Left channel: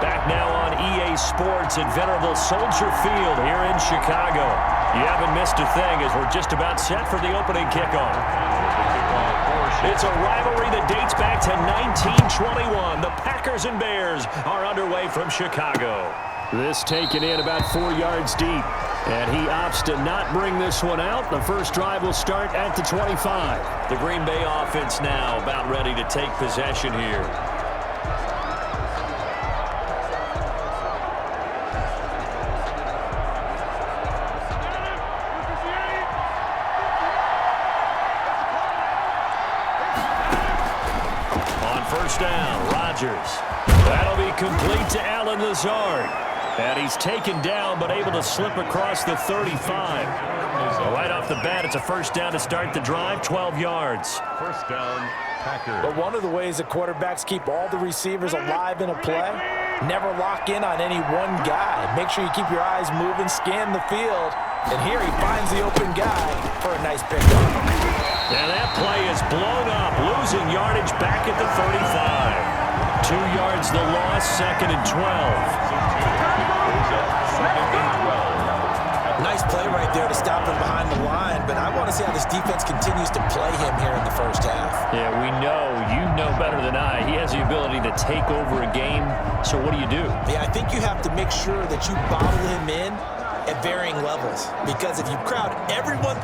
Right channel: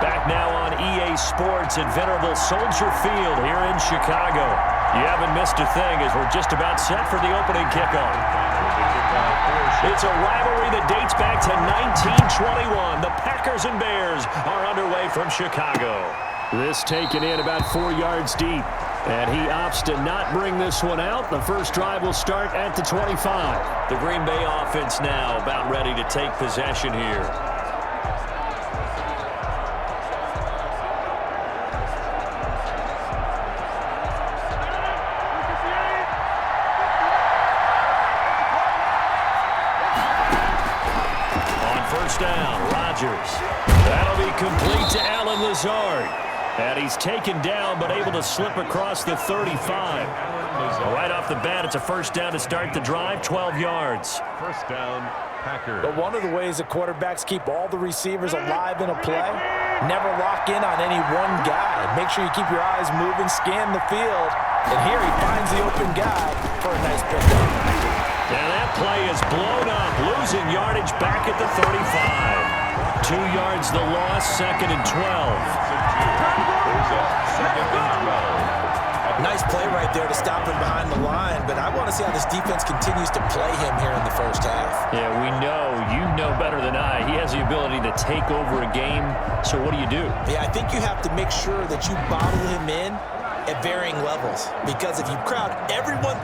Back now on EA Sports at venerable Soldier Field here in Chicago. You haven't missed a thing as we're just about set for the opening kickoff. It's a rivalry that dates back to 1921. The Packers and Bears are underway from Chicago. This taken in about 4 yards deep. And he opts to not bring this one out. The first drive will start at the 25. The Green Bay offense now about ready to take possession here. On first down, Rodgers. That'll be complete to Allen Lazard. And he's taken down, but able to slip across the 35. Right off the bat, it's a first down to start the drive, 12 yards. First down, Packers. But one of the ways that quarterbacks keep all the receivers alive in a play, never lock in on any one guy. Make sure you keep your eyes moving, scan the field. And here he finds the open guy for a nice pickup. And that play is blown up, losing yardage back at the 35. 2 yards the loss, second and 12. Nice play right there to stop him behind the line, but I want to see how this defense continues to play him here in the first half. Yeah, we know, you know better than I, he has the ability to take over a game, so what do you do? Yeah, I think you have to make sure that you bottle him in at varying levels, because if you crowd everyone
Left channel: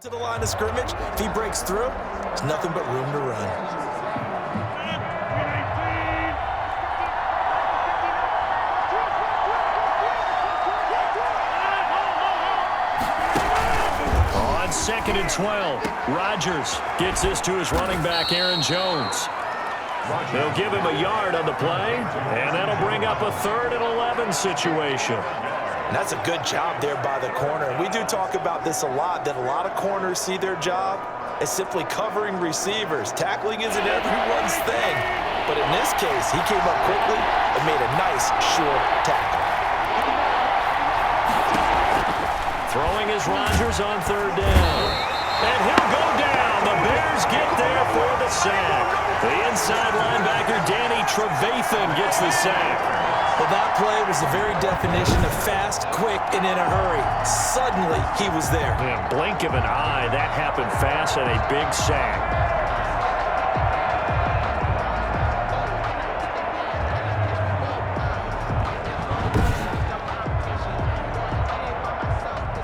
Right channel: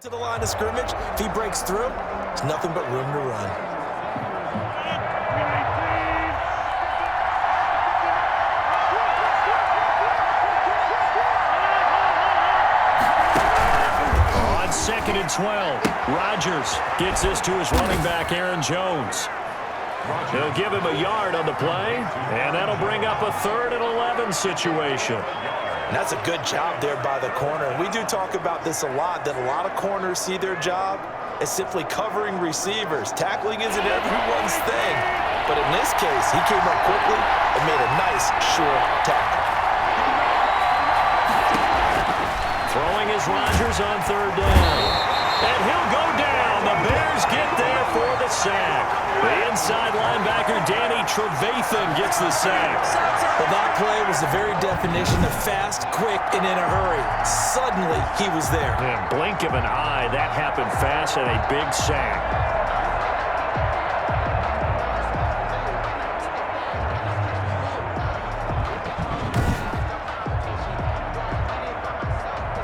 to the line of scrimmage, if he breaks through, there's nothing but room to run. On second and 12, Rodgers gets this to his running back, Aaron Jones. They'll give him a yard on the play, and that'll bring up a 3rd and 11 situation. And that's a good job there by the corner. And we do talk about this a lot, that a lot of corners see their job as simply covering receivers. Tackling isn't everyone's thing. But in this case, he came up quickly and made a nice, short tackle. Throwing is Rodgers on 3rd down. And he'll go down. The Bears get there for the sack. The inside linebacker, Danny Trevathan, gets the sack. Well, that play was the very definition of fast, quick, and in a hurry. Suddenly, he was there. Yeah, blink of an eye, that happened fast and a big sack.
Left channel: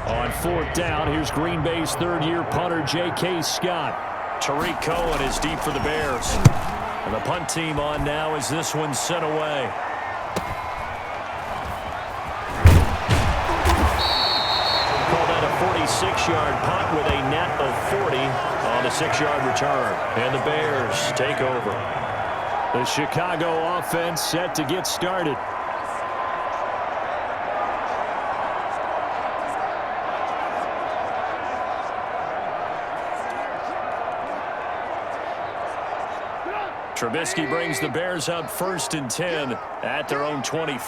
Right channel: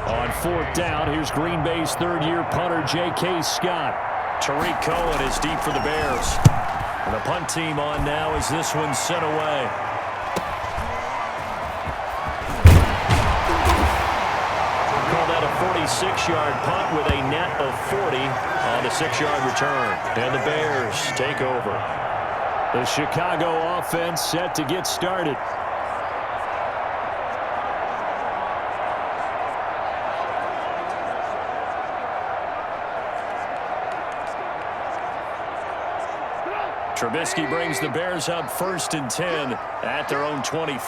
On 4th down, here's Green Bay's 3rd-year punter, J.K. Scott. Tariq Cohen is deep for the Bears. And the punt team on now as this one's sent away. Call that a 46-yard punt with a net of 40 on the 6-yard return. And the Bears take over. The Chicago offense set to get started. Trubisky brings the Bears up 1st and 10 at their own 23.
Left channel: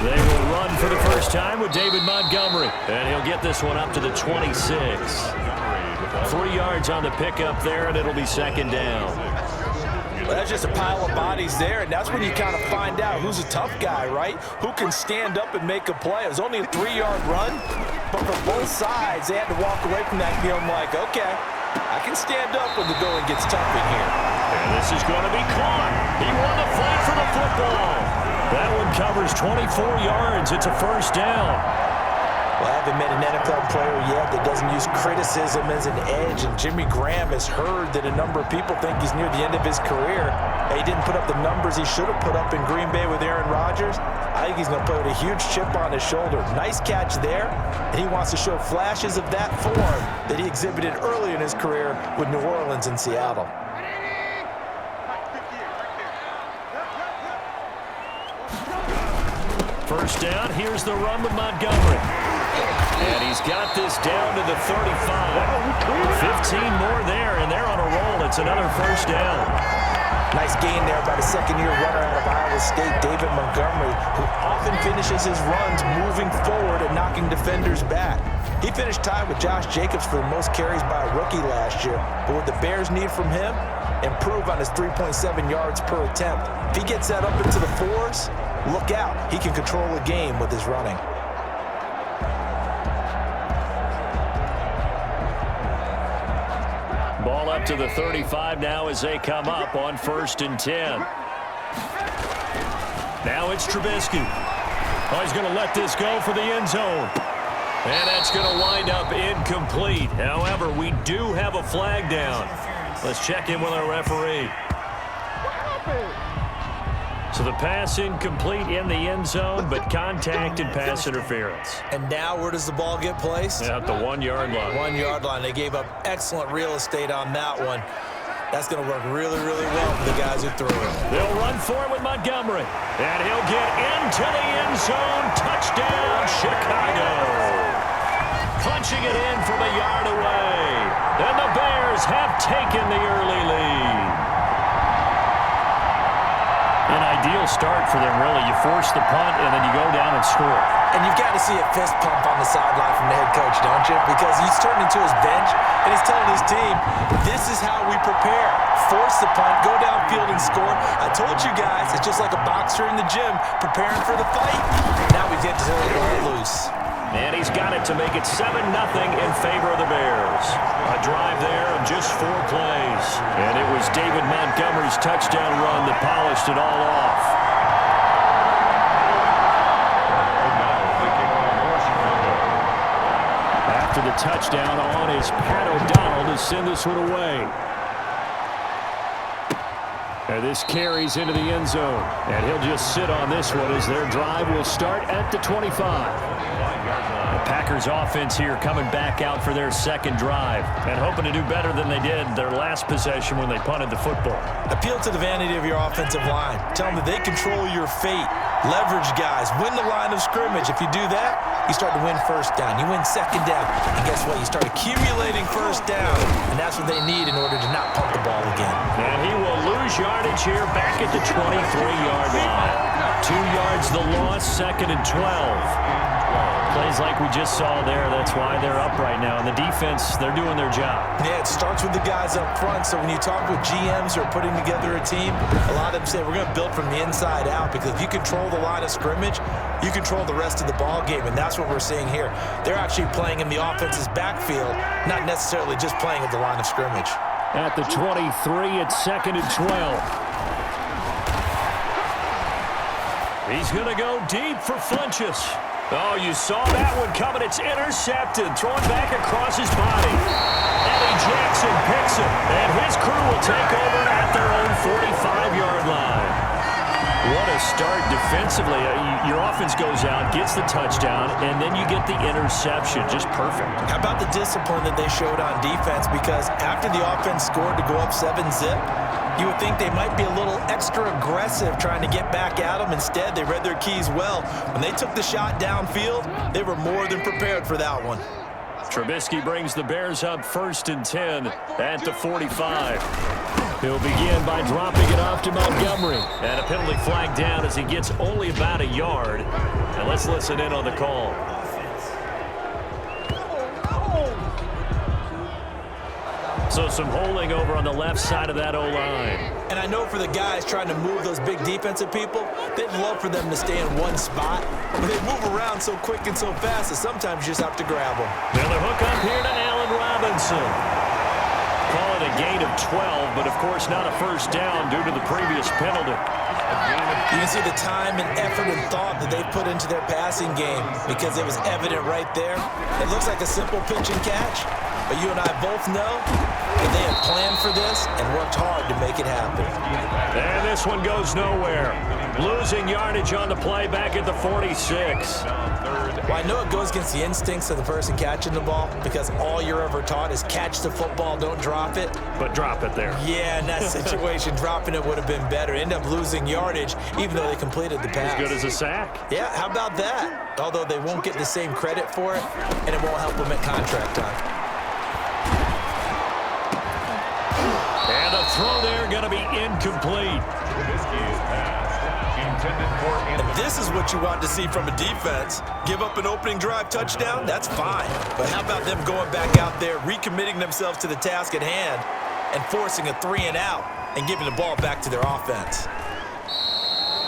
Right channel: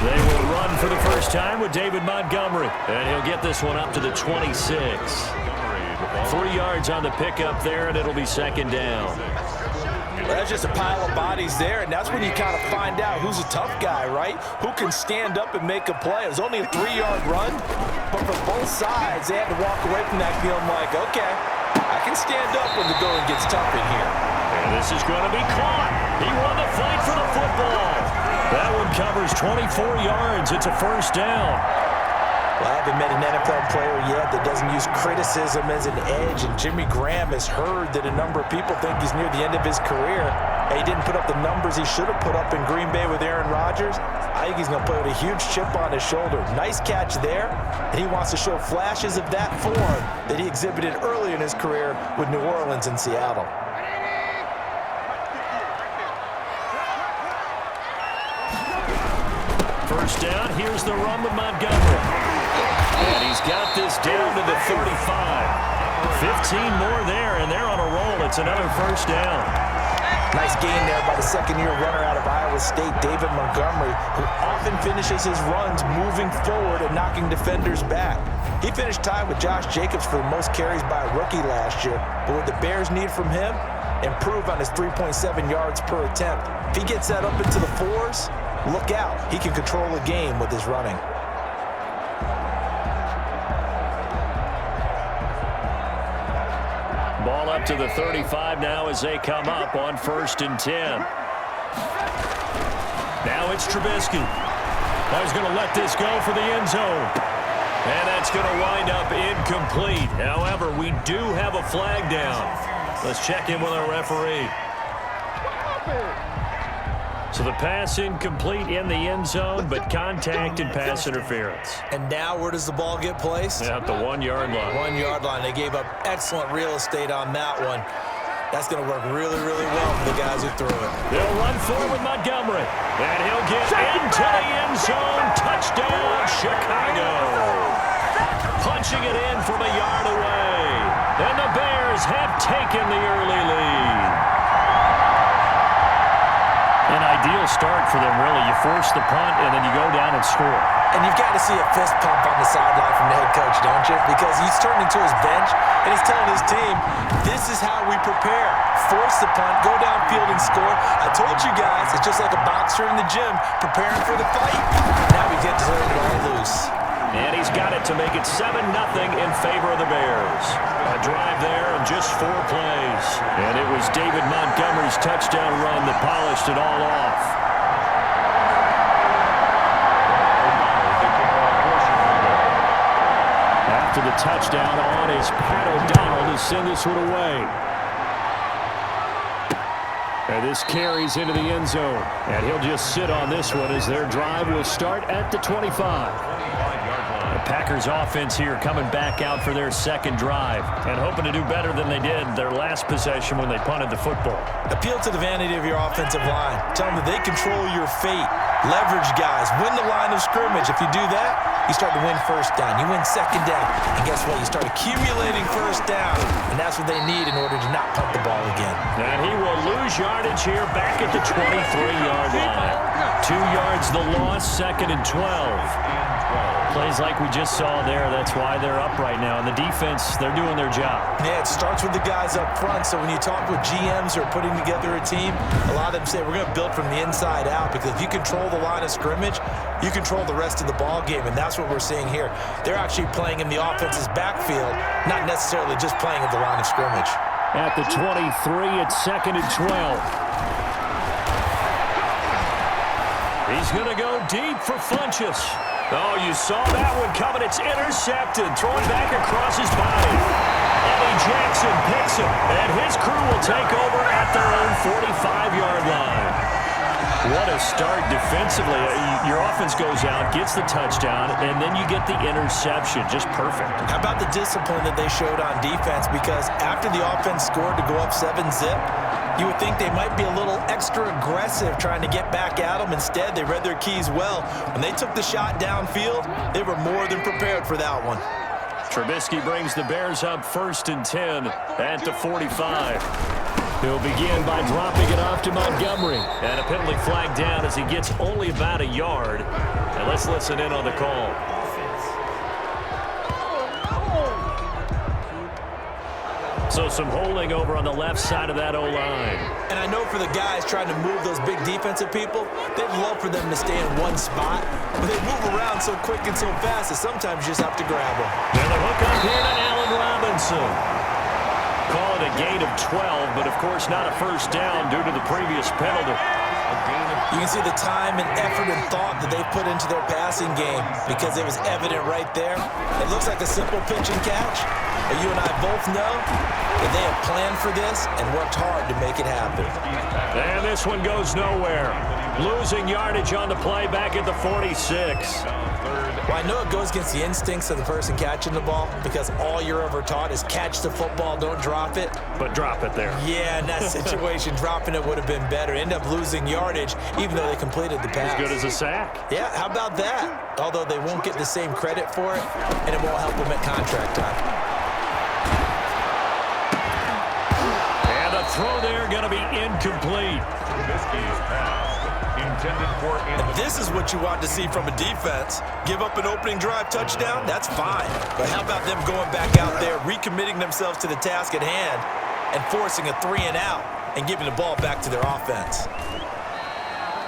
They will run for the first time with David Montgomery. And he'll get this one up to the 26. 3 yards on the pickup there, and it'll be 2nd down. Well, that's just a pile of bodies there, and that's when you kind of find out who's a tough guy, right? Who can stand up and make a play. It was only a 3-yard run, but for both sides, they had to walk away from that feeling like, okay, I can stand up when the going gets tough in here. And this is going to be caught. He won the fight for the football. That one covers 24 yards. It's a first down. Well, I haven't met an NFL player yet that doesn't use criticism as an edge, and Jimmy Graham has heard that a number of people think he's near the end of his career. He didn't put up the numbers he should have put up in Green Bay with Aaron Rodgers. I think he's going to play with a huge chip on his shoulder. Nice catch there, and he wants to show flashes of that form that he exhibited early in his career with New Orleans and Seattle. First down, here's the run with Montgomery. And he's got this down to the 35. 15 more there, and and they're on a roll. It's another first down. Nice gain there by the second-year runner out of Iowa State, David Montgomery, who often finishes his runs moving forward and knocking defenders back. He finished tied with Josh Jacobs for the most carries by a rookie last year. But what the Bears need from him, improve on his 3.7 yards per attempt. If he gets that up into the 4s, look out. He can control a game with his running. Ball up to the 35 now as they come up on 1st and 10. Now it's Trubisky. Oh, he's going to let this go for the end zone. And that's going to wind up incomplete. However, we do have a flag down. Let's check in with our referee. So the pass incomplete in the end zone, but contact and pass interference. And now where does the ball get placed? At the 1-yard line. 1-yard line. They gave up excellent real estate on that one. That's going to work really, really well for the guys who threw it. They'll run for it with Montgomery. And he'll get into the end zone. Touchdown, Chicago. Punching it in from a yard away. And the Bears have taken the early lead. An ideal start for them, really. You force the punt, and then you go down and score. And you've got to see a fist pump on the sideline from the head coach, don't you? Because he's turned into his bench, and he's telling his team, this is how we prepare. Force the punt, go downfield and score. I told you guys, it's just like a boxer in the gym preparing for the fight. Now we get to turn it all loose. And he's got it to make it 7-0 in favor of the Bears. A drive there of just 4 plays. And it was David Montgomery's touchdown run that polished it all off. After the touchdown on is Pat O'Donnell to send this one away. And this carries into the end zone. And he'll just sit on this one as their drive will start at the 25. The Packers offense here coming back out for their second drive and hoping to do better than they did their last possession when they punted the football. Appeal to the vanity of your offensive line. Tell them that they control your fate. Leverage guys. Win the line of scrimmage. If you do that, you start to win first down. You win second down. And guess what? You start accumulating first down. And that's what they need in order to not punt the ball again. And he will lose yardage here back at the 23-yard line. 2 yards the loss, 2nd and 12. Plays like we just saw there. That's why they're up right now. And the defense, they're doing their job. Yeah, it starts with the guys up front. So when you talk with GMs who are putting together a team, a lot of them say we're going to build from the inside out, because if you control the line of scrimmage, you control the rest of the ball game, and that's what we're seeing here. They're actually playing in the offense's backfield, not necessarily just playing at the line of scrimmage. At the 23, it's 2nd and 12. He's going to go deep for Funchess. Oh, you saw that one coming. It's intercepted. Thrown back across his body. Eddie Jackson picks it, and his crew will take over at their own 45-yard line. What a start defensively. Your offense goes out, gets the touchdown, and then you get the interception. Just perfect. How about the discipline that they showed on defense? Because after the offense scored to go up 7-zip, you would think they might be a little extra aggressive trying to get back at them. Instead, they read their keys well. When they took the shot downfield, they were more than prepared for that one. Trubisky brings the Bears up 1st and 10 at the 45. He'll begin by dropping it off to Montgomery. And a penalty flag down as he gets only about a yard. And let's listen in on the call. So some holding over on the left side of that O-line. And I know for the guys trying to move those big defensive people, they'd love for them to stay in one spot. But they move around so quick and so fast that sometimes you just have to grab them. Another hook up here to Allen Robinson. Call it a gain of 12, but of course not a first down due to the previous penalty. You can see the time and effort and thought that they put into their passing game, because it was evident right there. It looks like a simple pitch and catch, but you and I both know that they have planned for this and worked hard to make it happen. And this one goes nowhere. Losing yardage on the play back at the 46. Well, I know it goes against the instincts of the person catching the ball, because all you're ever taught is catch the football, don't drop it. But drop it there. Yeah, in that situation, dropping it would have been better. End up losing yardage, even though they completed the pass. As good as a sack. Yeah, how about that? Although they won't get the same credit for it, and it won't help them at contract time. throw there going to be incomplete. Trubisky's pass intended for And this is what you want to see from a defense. Give up an opening drive touchdown, that's fine. But how about them going back out there, recommitting themselves to the task at hand, and forcing a 3-and-out and giving the ball back to their offense?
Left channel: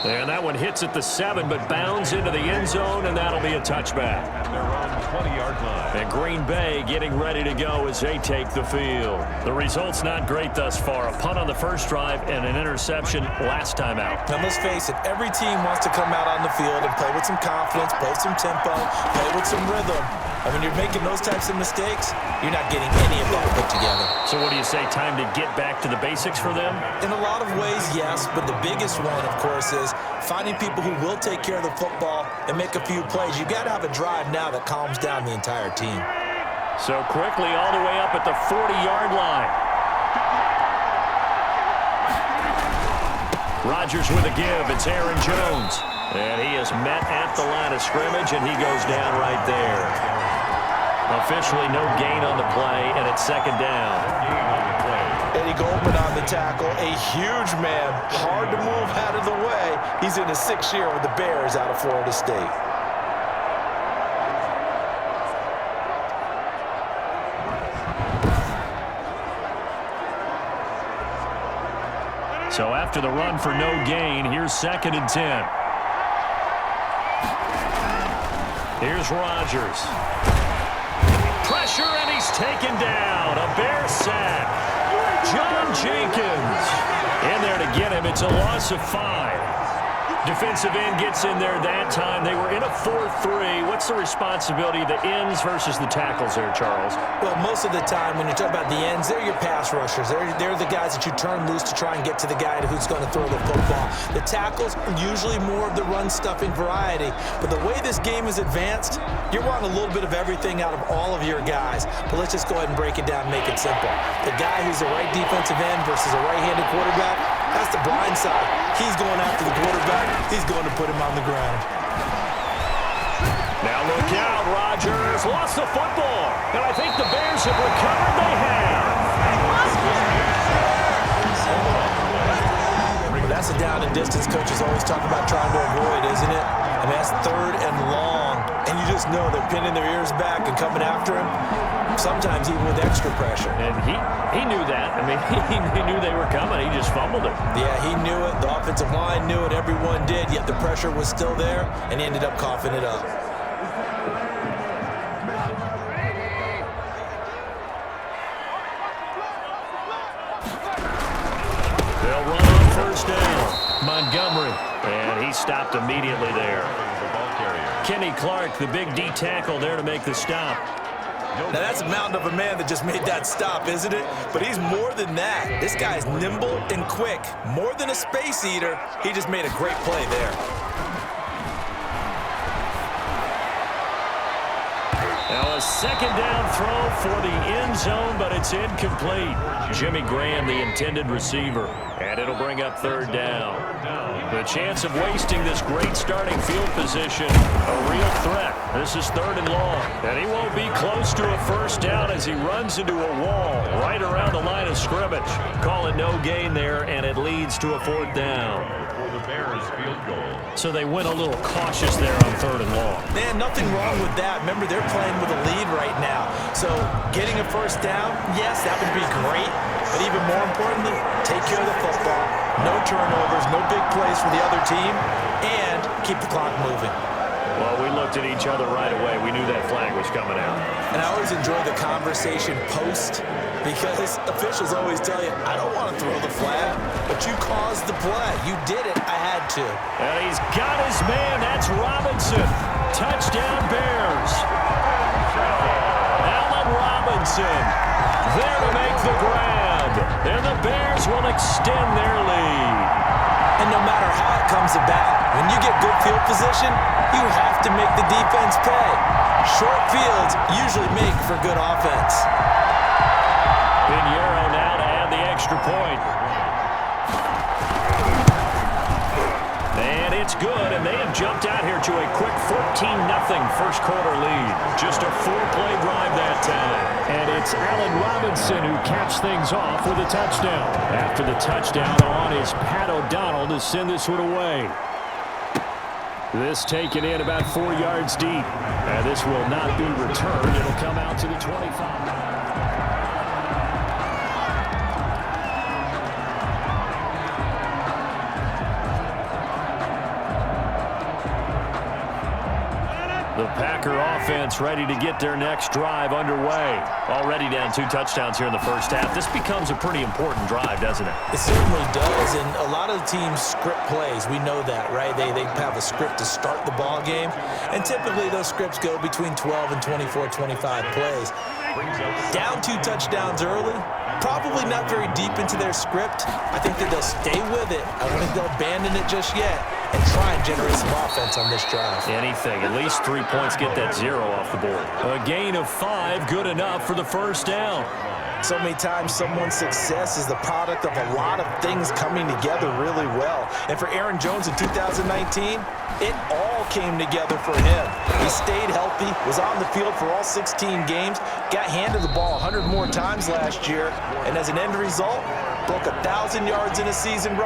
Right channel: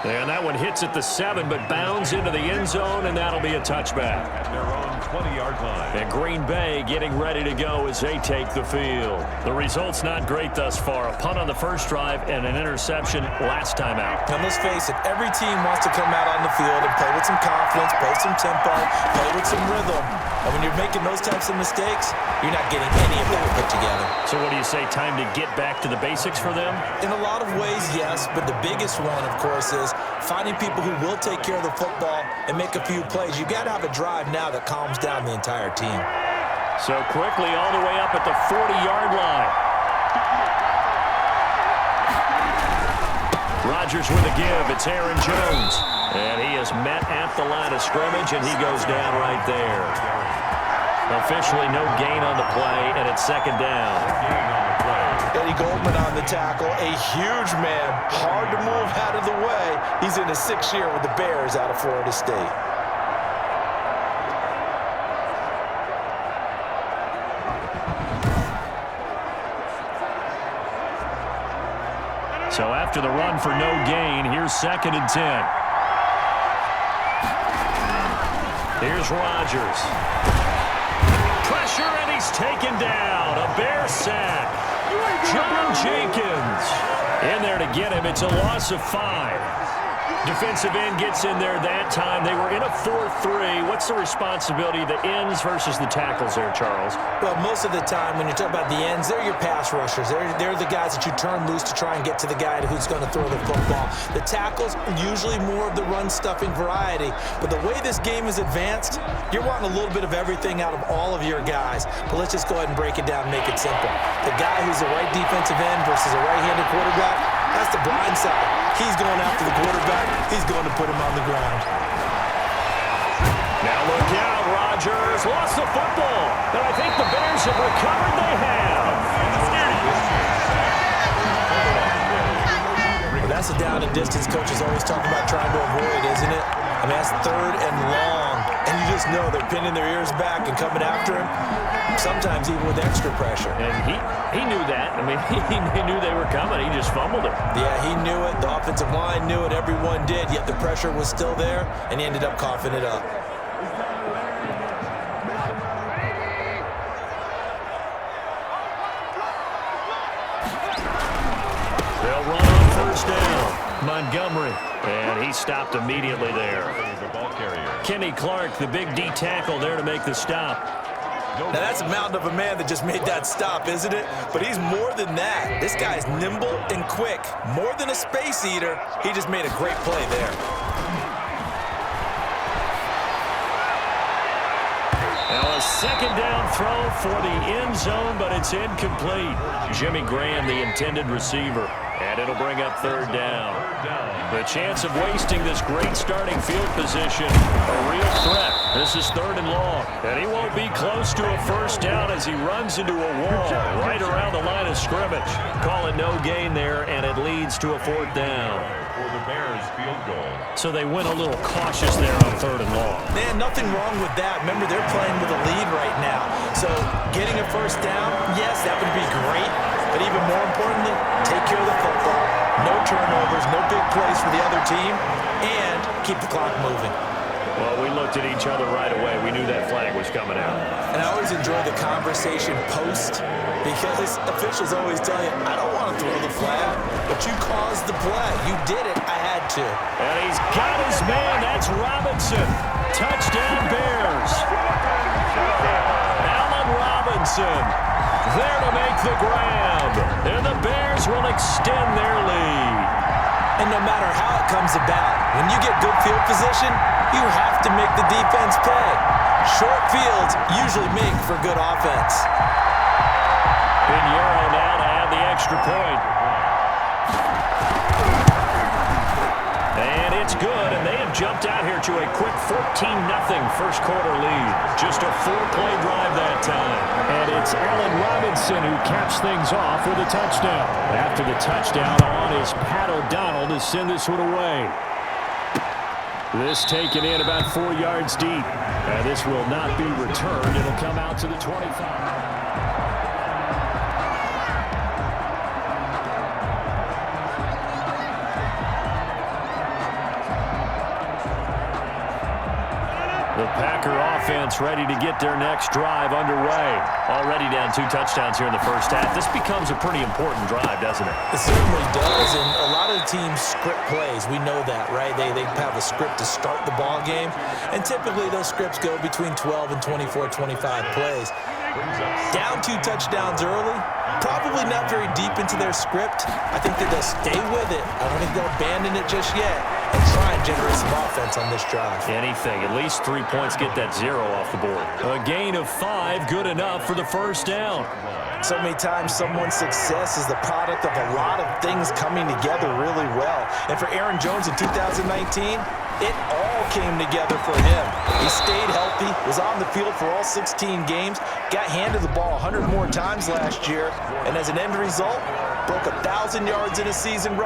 And that one hits at the 7, but bounds into the end zone, and that'll be a touchback. at their own 20-yard line. And Green Bay getting ready to go as they take the field. The result's not great thus far. A punt on the first drive and an interception last time out. And let's face it, every team wants to come out on the field and play with some confidence, play some tempo, play with some rhythm. And when you're making those types of mistakes, you're not getting any of that put together. So what do you say, time to get back to the basics for them? In a lot of ways, yes, but the biggest one, of course, is finding people who will take care of the football and make a few plays. You got to have a drive now that calms down the entire team. So quickly all the way up at the 40-yard line. Rodgers with a give. It's Aaron Jones. And he is met at the line of scrimmage, and he goes down right there. Officially no gain on the play, and it's second down. Gain on the play. Eddie Goldman on the tackle, a huge man, hard to move out of the way. He's in his 6th year with the Bears out of Florida State. So after the run for no gain, here's 2nd and 10. Here's Rodgers. Pressure, and he's taken down. A Bear sack. John Jenkins in there to get him. It's a loss of 5. Defensive end gets in there that time. They were in a 4-3. What's the responsibility of the ends versus the tackles there, Charles? Well, most of the time when you talk about the ends, they're your pass rushers. They're the guys that you turn loose to try and get to the guy who's going to throw the football. The tackles are usually more of the run-stuffing variety. But the way this game is advanced, you're wanting a little bit of everything out of all of your guys. But let's just go ahead and break it down and make it simple. The guy who's the right defensive end versus a right-handed quarterback, that's the blind side. He's going after the quarterback. He's going to put him on the ground. Now look out, Rodgers lost the football. And I think the Bears have recovered. They have. Well, that's a down and distance coaches always talk about trying to avoid, isn't it? I mean, that's 3rd and long. And you just know they're pinning their ears back and coming after him. Sometimes even with extra pressure. And he knew that. I mean, he knew they were coming. He just fumbled it. Yeah, he knew it. The offensive line knew it. Everyone did. Yet the pressure was still there, and he ended up coughing it up. They'll run on first down. Montgomery. And he stopped immediately there. The ball carrier. Kenny Clark, the big D tackle there to make the stop. Now, that's a mountain of a man that just made that stop, isn't it? But he's more than that. This guy's nimble and quick. More than a space eater, he just made a great play there. Now a second down throw for the end zone, but it's incomplete. Jimmy Graham, the intended receiver. And it'll bring up 3rd down. The chance of wasting this great starting field position, a real threat. This is 3rd and long. And he won't be close to a first down as he runs into a wall right around the line of scrimmage. Call it no gain there, and it leads to a 4th down. For the Bears field goal. So they went a little cautious there on 3rd and long. Man, nothing wrong with that. Remember, they're playing with a lead right now. So getting a first down, yes, that would be great. But even more importantly, take care of the football. No turnovers, no big plays for the other team, and keep the clock moving. Well, we looked at each other right away. We knew that flag was coming out. And I always enjoy the conversation post because officials always tell you, I don't want to throw the flag, but you caused the play. You did it. I had to. And he's got his man. That's Robinson. Touchdown, Bears. Allen Robinson there to make the grab. And the Bears will extend their lead. And no matter how it comes about, when you get good field position, you have to make the defense pay. Short fields usually make for good offense. Pinheiro now to add the extra point. And it's It's good, and they have jumped out here to a quick 14-0 first quarter lead. Just a 4-play drive that time. And it's Allen Robinson who caps things off with a touchdown. After the touchdown on is Pat O'Donnell to send this one away. This taken in about 4 yards deep. And this will not be returned. It'll come out to the 25. The Packer offense ready to get their next drive underway. Already down 2 touchdowns here in the first half. This becomes a pretty important drive, doesn't it? It certainly does, and a lot of the teams script plays. We know that, right? They have a script to start the ball game, and typically those scripts go between 12 and 24, 25 plays. Down 2 touchdowns early, probably not very deep into their script. I think that they'll stay with it. I don't think they'll abandon it just yet and try and generate some offense on this drive. Anything. At least 3 points, get that 0 off the board. A gain of 5, good enough for the first down. So many times someone's success is the product of a lot of things coming together really well. And for Aaron Jones in 2019, it all came together for him. He stayed healthy, was on the field for all 16 games, got handed the ball 100 more times last year, and as an end result, broke 1,000 yards in a season rushing.